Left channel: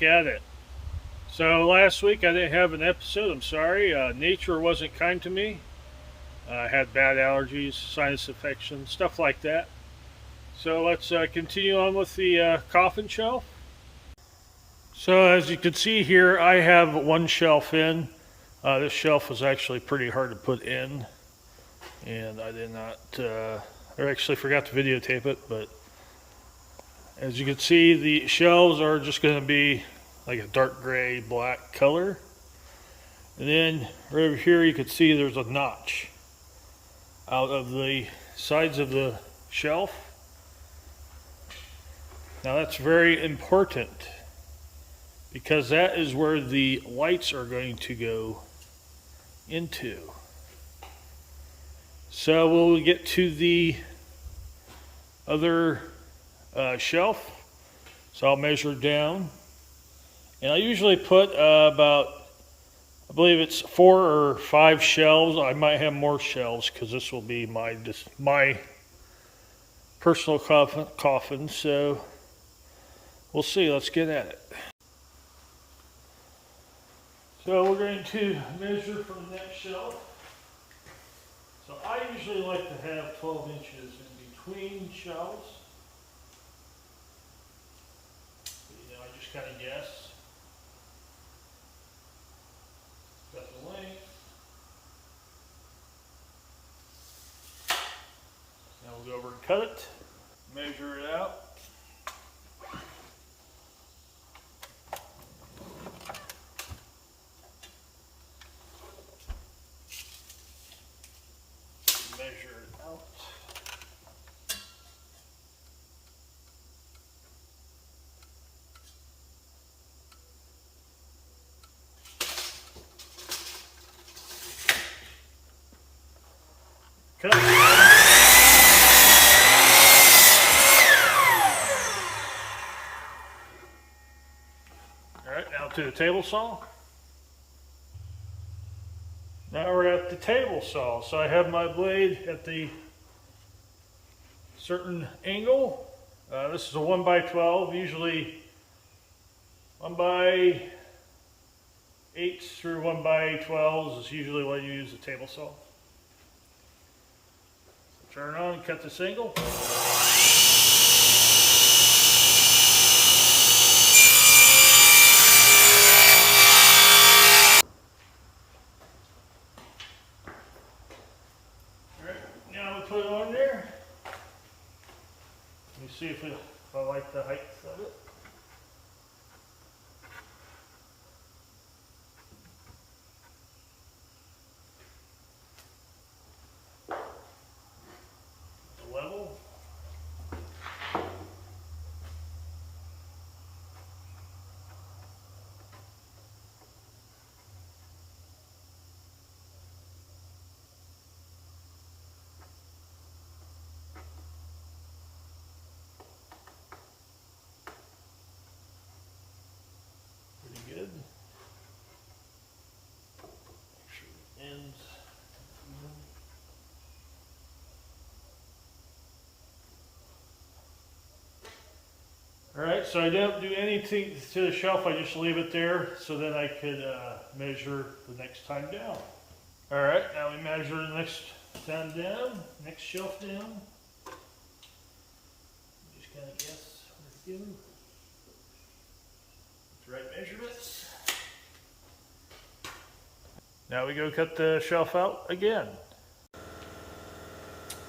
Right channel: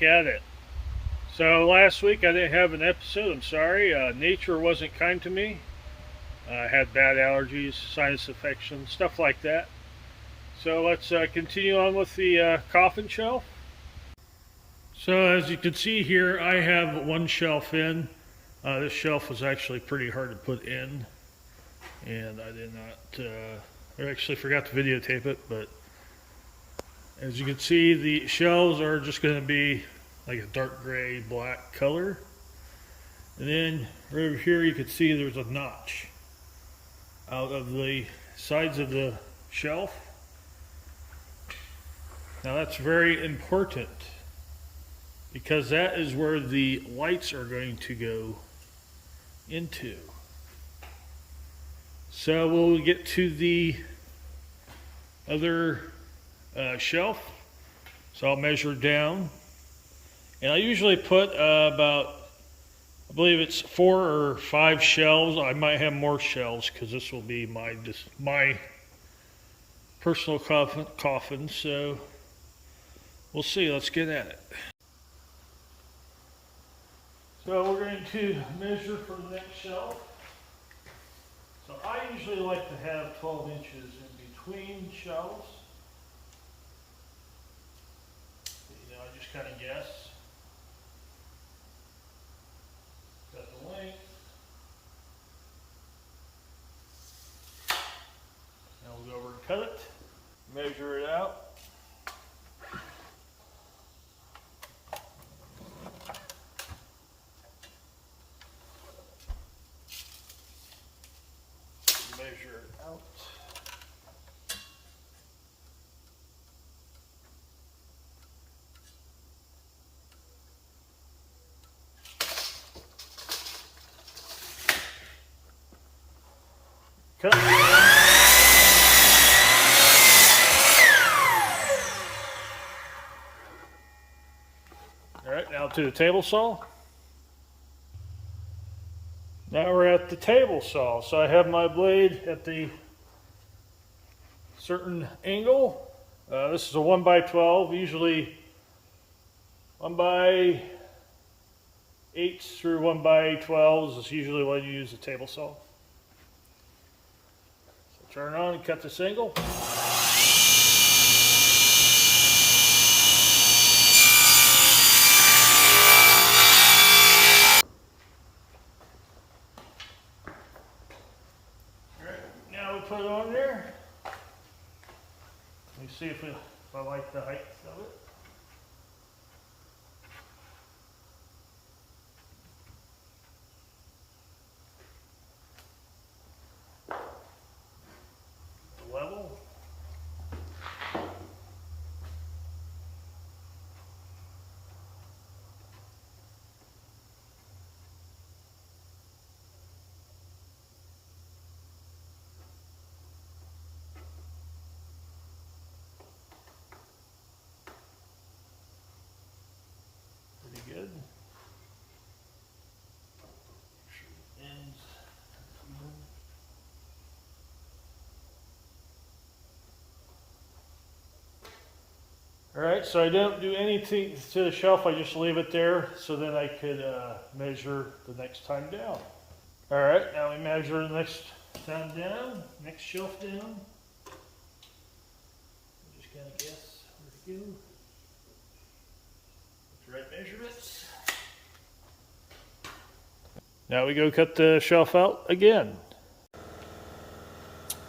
back at it. So last week I didn't have an episode. I'm sorry. Nature wasn't kind to me. I had bad allergies, sinus infection, stuff like that. So let's continue on with the coffin shelf. So as you can see here, I have one shelf in. This shelf was actually pretty hard to put in, and I did not, I actually forgot to videotape it, but as you can see, the shelves are just going to be like a dark gray black color. And then right over here you can see there's a notch out of the sides of the shelf. Now that's very important because that is where the lights are going to go into. So we'll get to the other shelf. So I'll measure down. And I usually put about, I believe it's 4 or 5 shelves. I might have more shelves because this will be my personal coffin. So we'll see. Let's get at it. So we're going to measure for the next shelf. So I usually like to have 12 inches in between shelves. I just kind of guess. Got the length. Now we'll go over and cut it. Measure it out. Measure it out. Cut. All right, now to the table saw. Now we're at the table saw. So I have my blade at the certain angle. This is a 1x12, usually 1x8 through 1x12 is usually when you use the table saw. So turn on and cut this angle. Put it on there. Let me see if I like the height of it. Level. Good. Make sure the ends even. Alright, so I don't do anything to the shelf, I just leave it there so that I could measure the next time down. Alright, now we measure the next time down, next shelf down. Just kind of guess where to go. Right measurements. Now we go cut the shelf out again.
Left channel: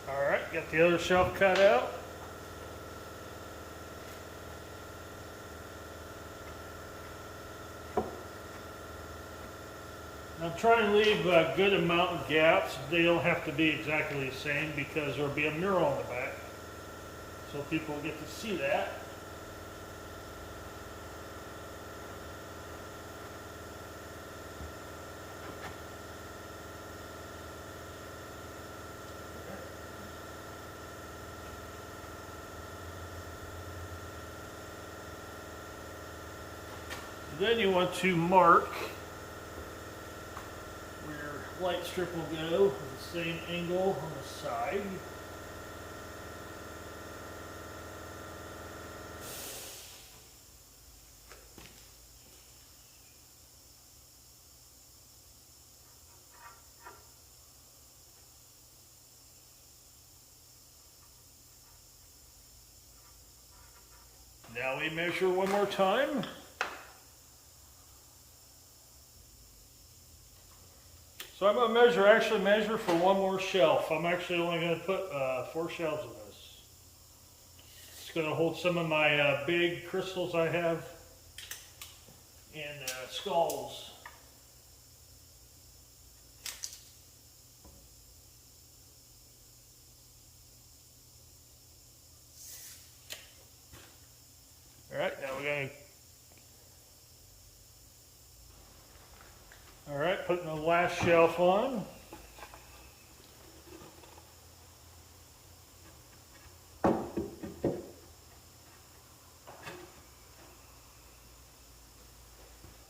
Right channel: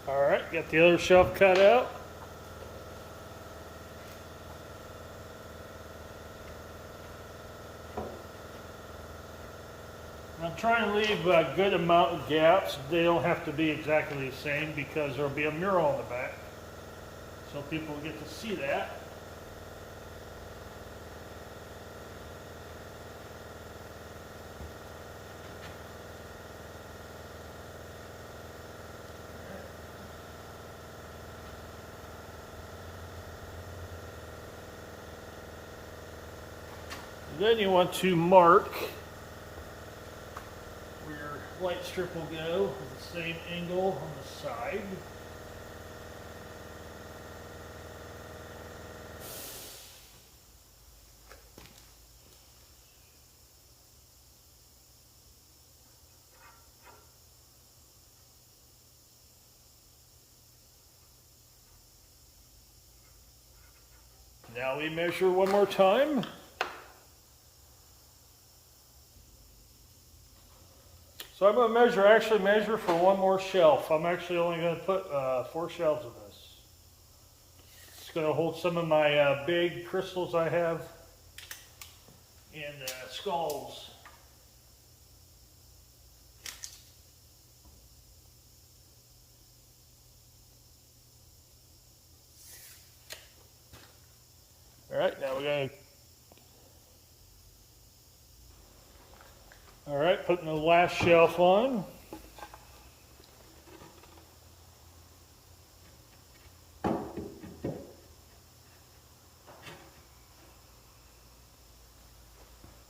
Alright, got the other shelf cut out. I'm trying to leave a good amount of gaps. They don't have to be exactly the same because there'll be a mural on the back. So people get to see that. Then you want to mark where your light strip will go with the same angle on the side. Now we measure one more time. So I'm going to actually measure for one more shelf. I'm actually only going to put 4 shelves of this. It's going to hold some of my big crystals I have and skulls. Alright, now we're going to putting the last shelf on.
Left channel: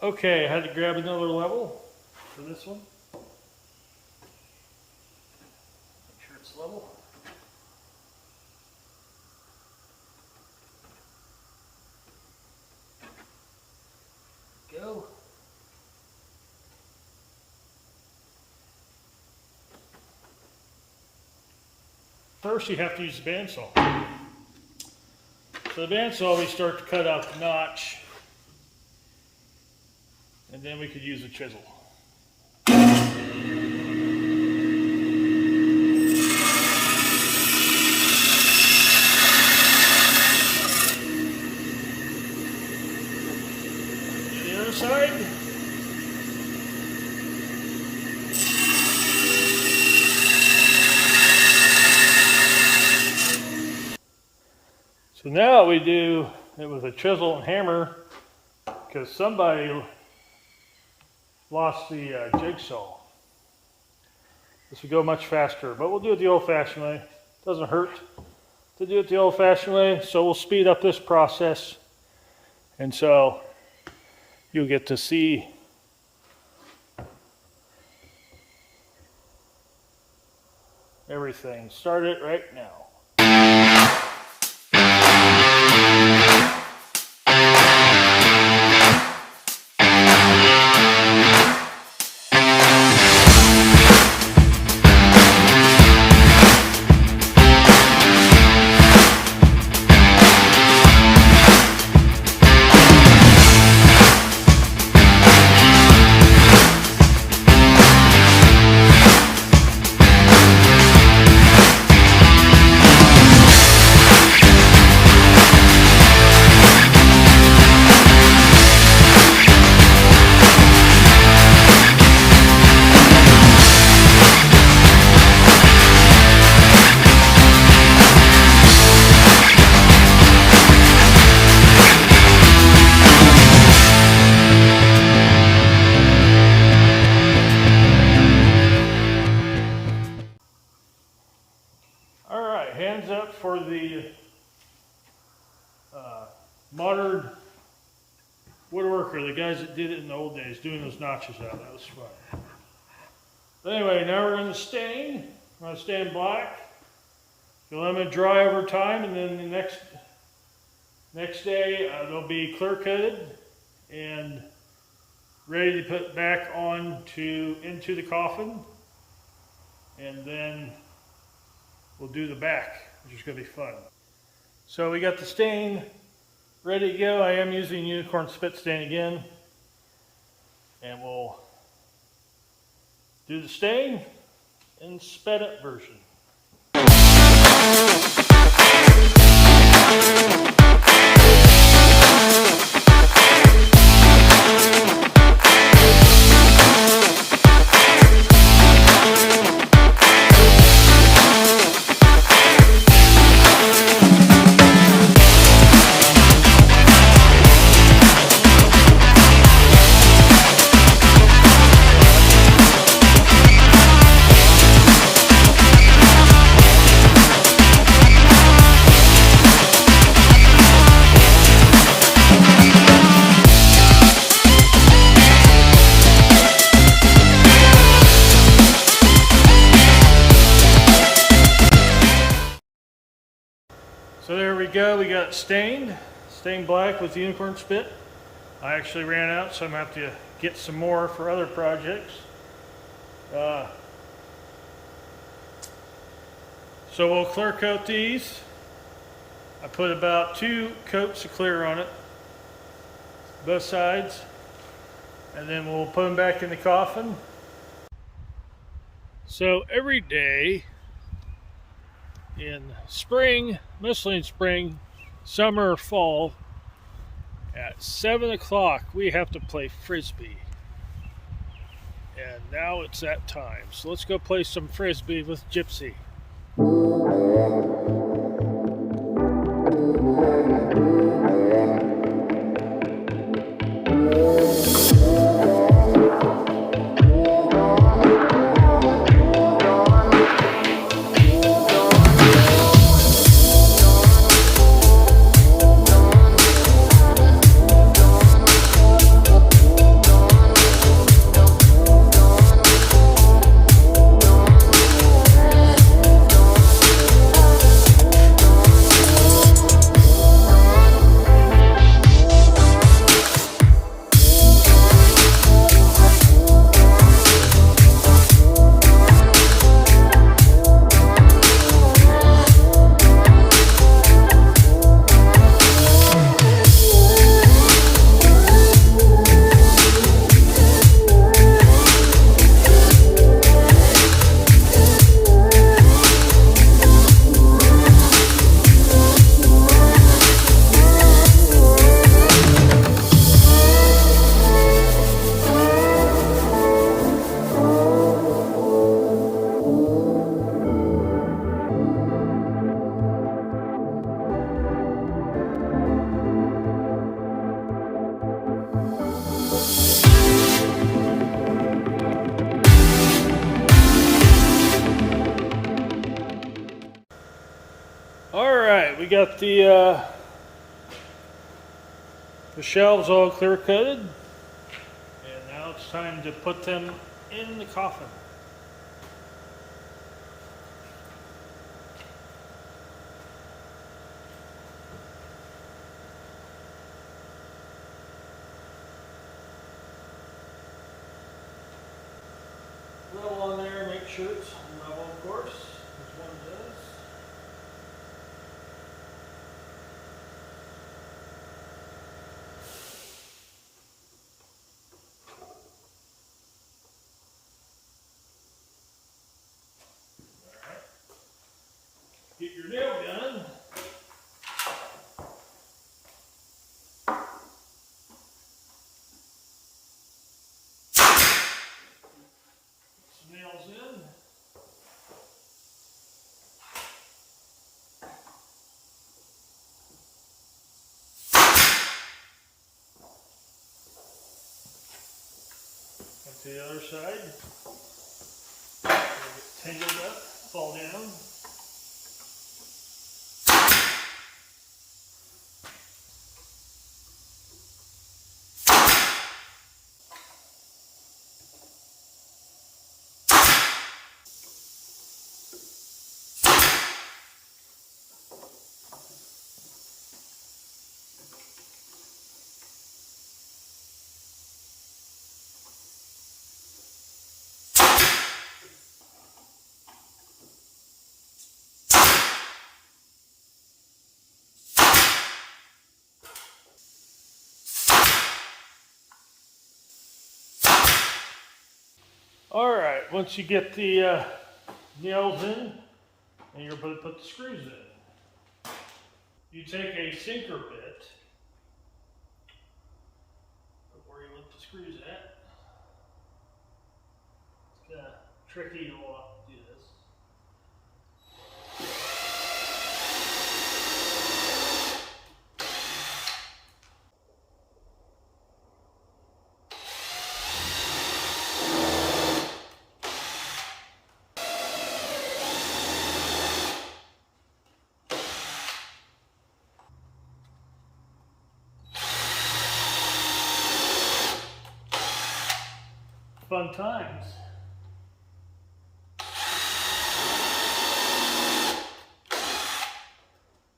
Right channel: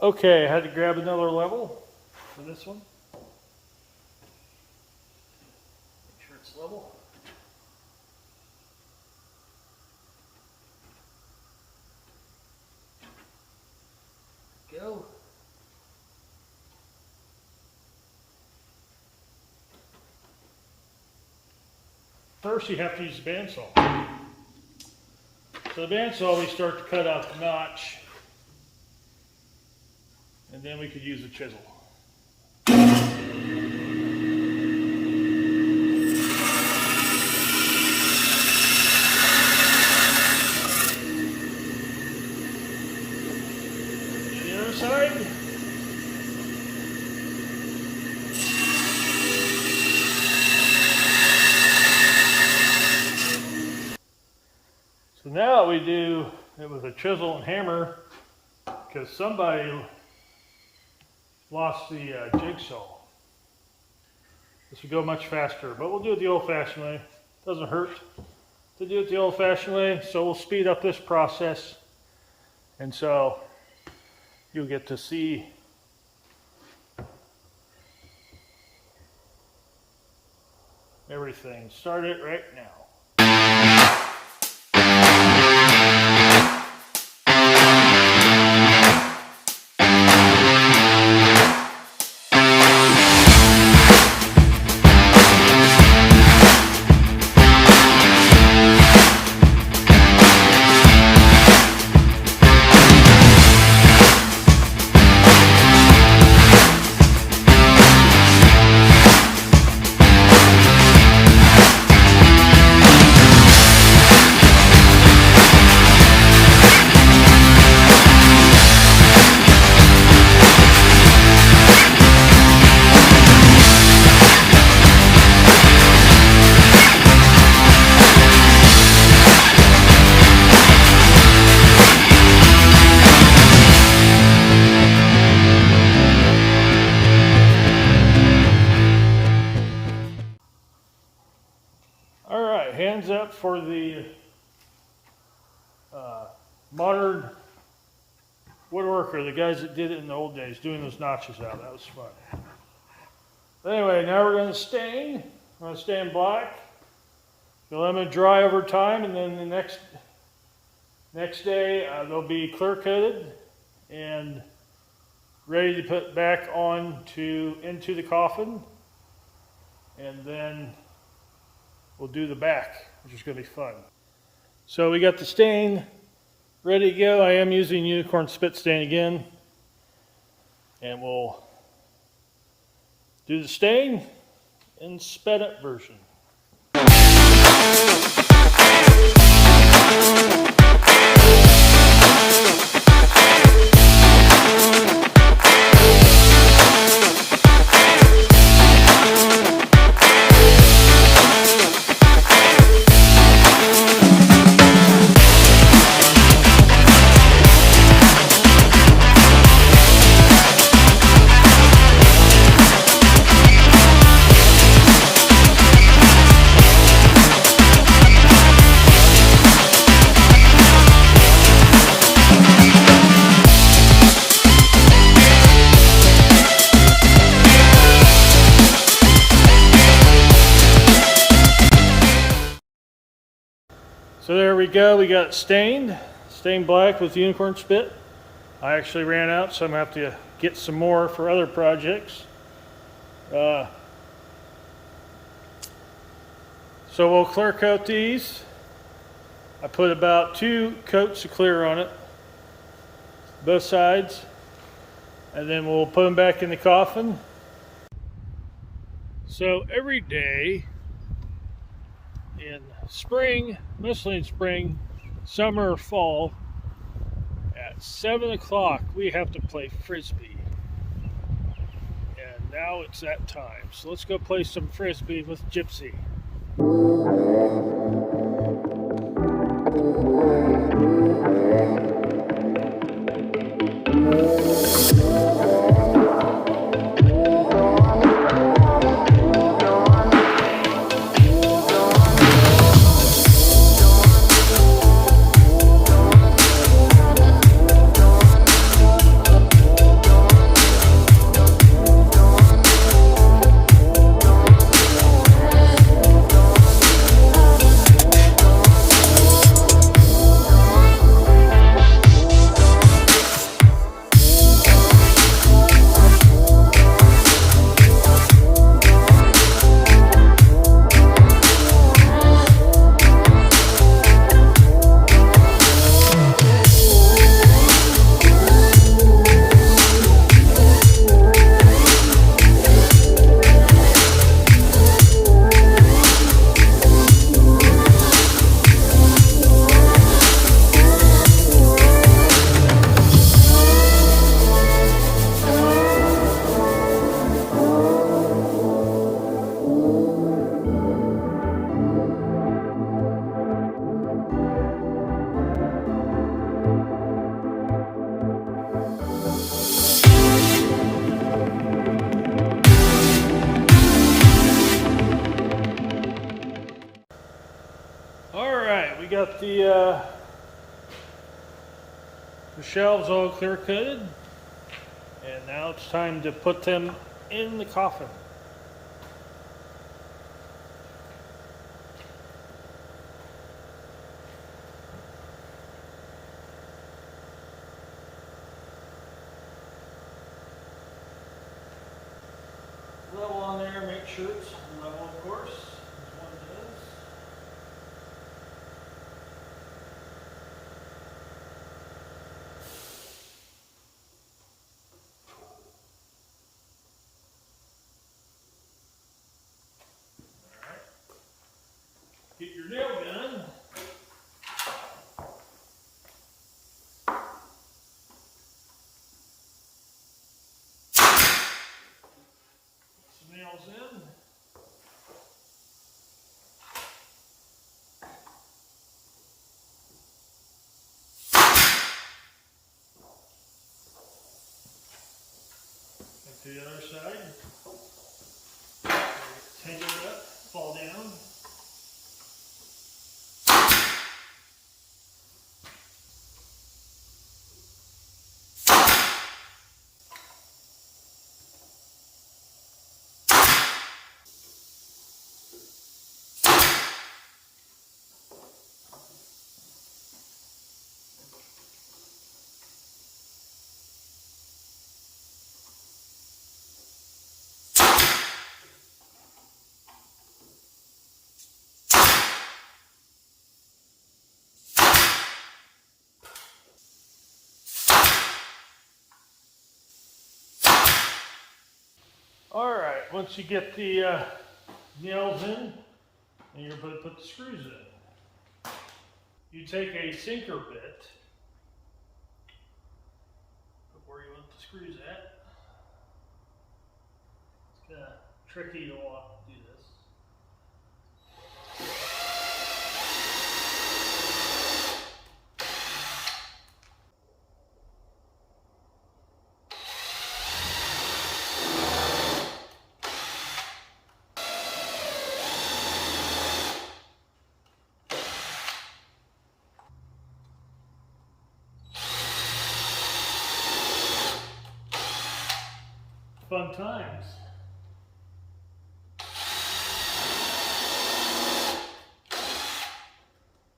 Okay, I had to grab another level for this one. Make sure it's level. Go. First, you have to use the bandsaw. So the bandsaw, we start to cut out the notch, and then we could use a chisel. The other side. So now we do it with a chisel and hammer because somebody lost the jigsaw. This would go much faster, but we'll do it the old-fashioned way. Doesn't hurt to do it the old-fashioned way, so we'll speed up this process. And so you'll get to see everything. Start it right now. Hands up for the modern woodworker, the guys that did it in the old days, doing those notches out. That was fun. But anyway, now we're going to stain. We're going to stain black. We'll let them dry over time, and then the next day they'll be clear coated and ready to put back into the coffin, and then we'll do the back, which is going to be fun. So we got the stain ready to go. I am using unicorn spit stain again, and we'll do the stain in sped up version. So there we go, we got stained black with unicorn spit. I actually ran out, so I'm going to have to get some more for other projects. So we'll clear coat these, I put about 2 coats of clear on it, both sides, and then we'll put them back in the coffin. So every day in spring, mostly in spring, summer or fall, at 7 o'clock we have to play frisbee. And now it's that time. So let's go play some frisbee with Gypsy. Alright, we got the shelves all clear coated, and now it's time to put them in the coffin. Level on there, make sure it's level, of course, as one does. Get your nail gun. Put some nails in. And to the other side. Tangled up, fall down. Alright, once you get the nails in, and you're going to put the screws in. You take a sinker bit, put where you want the screws at. It's kind of tricky to do this. Fun times.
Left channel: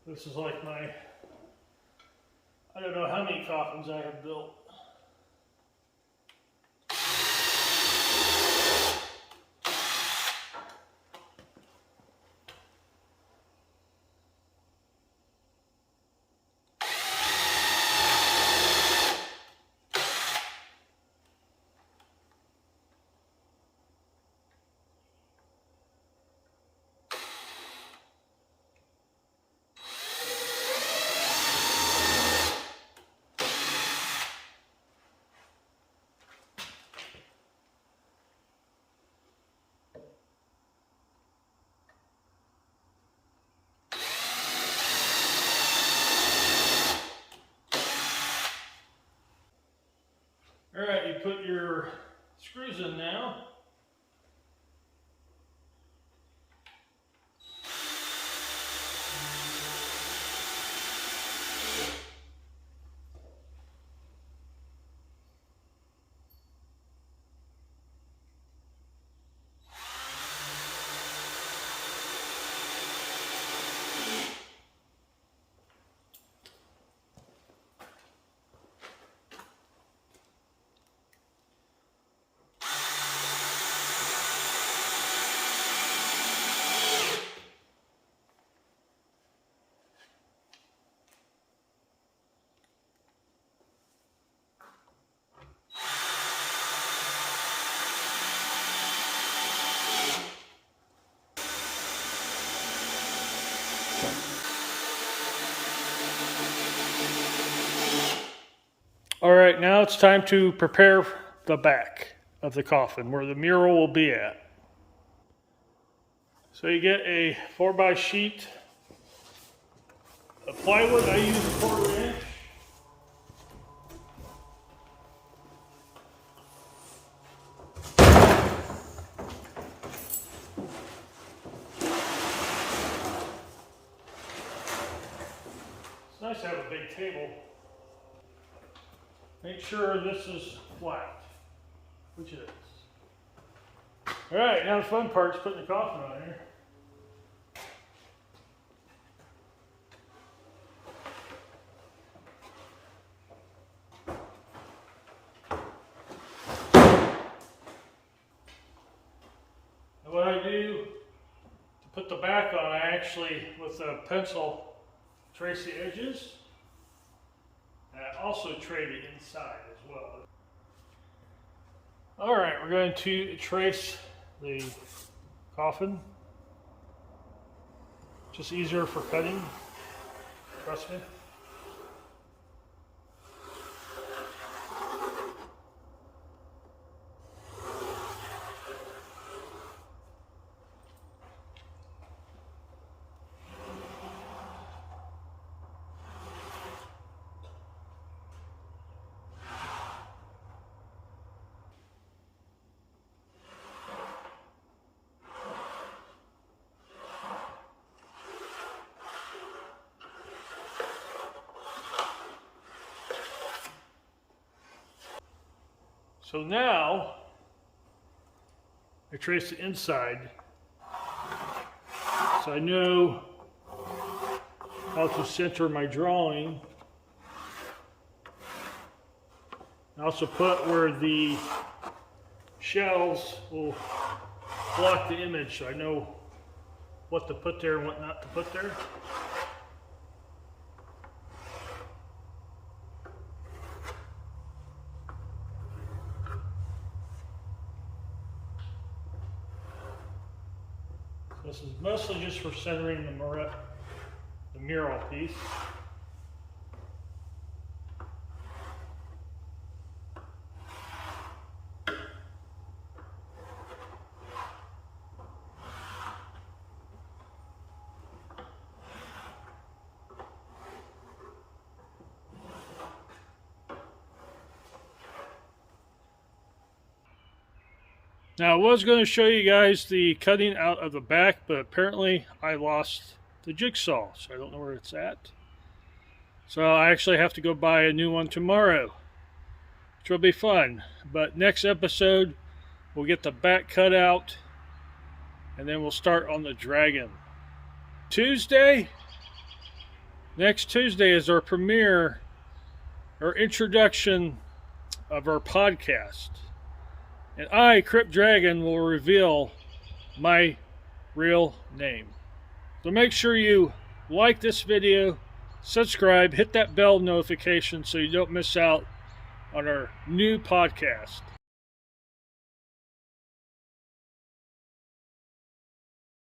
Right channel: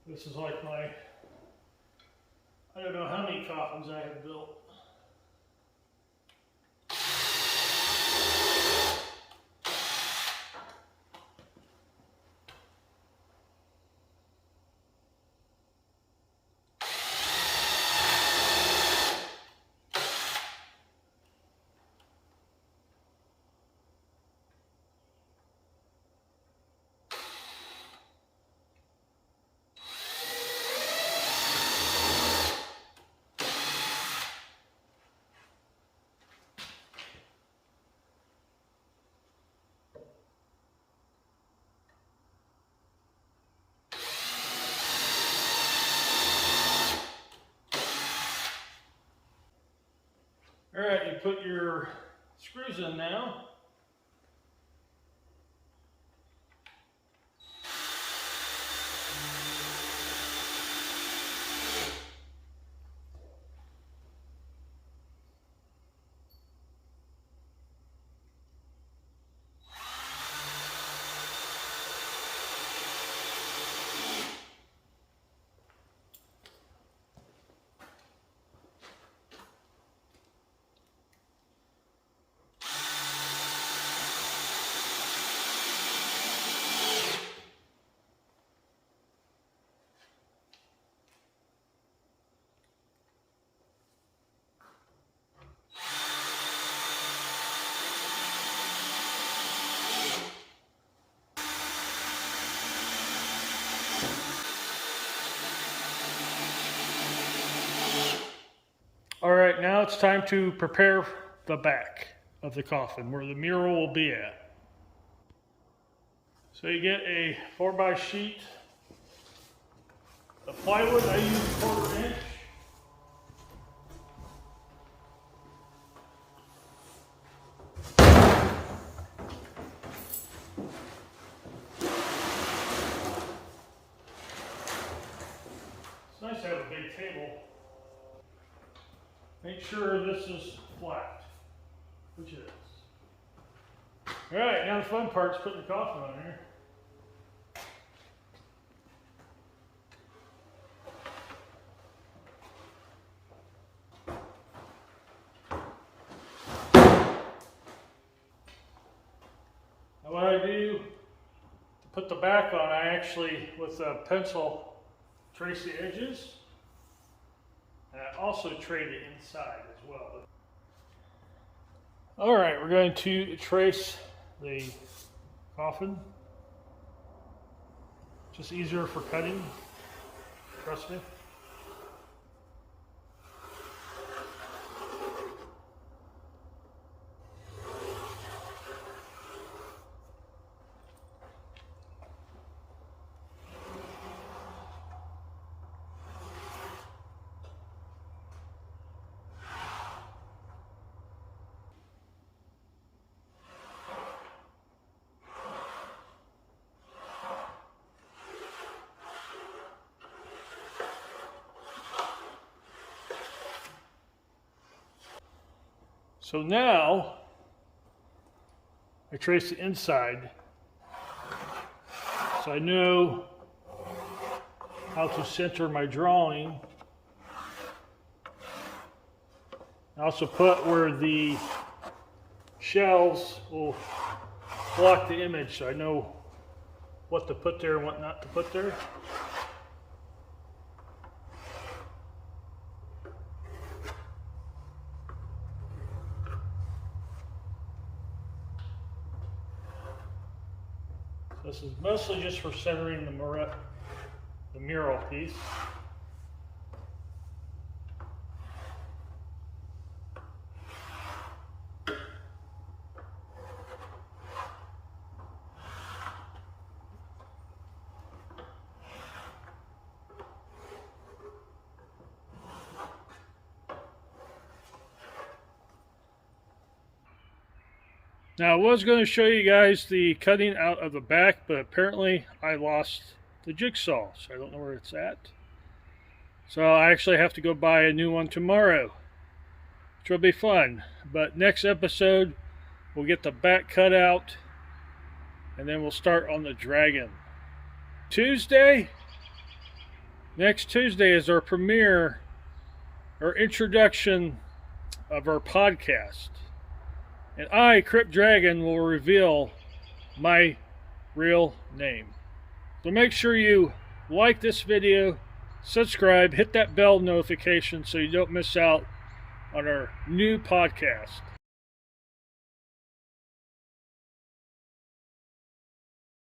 This is like my, I don't know how many coffins I have built. Alright, you put your screws in now. Alright, now it's time to prepare the back of the coffin, where the mural will be at. So you get a 4x sheet of plywood. I use 1/4 inch. It's nice to have a big table. Make sure this is flat, which it is. Alright, now the fun part is putting the coffin on here. Now what I do to put the back on, I actually, with a pencil, trace the edges. And I also trade it inside as well. Alright, we're going to trace the coffin. Just easier for cutting, trust me. So now, I trace the inside, so I know how to center my drawing. I also put where the shelves will block the image, so I know what to put there and what not to put there. This is mostly just for centering the mural piece. Now I was going to show you guys the cutting out of the back, but apparently I lost the jigsaw, so I don't know where it's at. So I actually have to go buy a new one tomorrow, which will be fun. But next episode, we'll get the back cut out, and then we'll start on the dragon. Next Tuesday is our premiere, or introduction of our podcast. And I, Crypt Dragon, will reveal my real name. So make sure you like this video, subscribe, hit that bell notification so you don't miss out on our new podcast.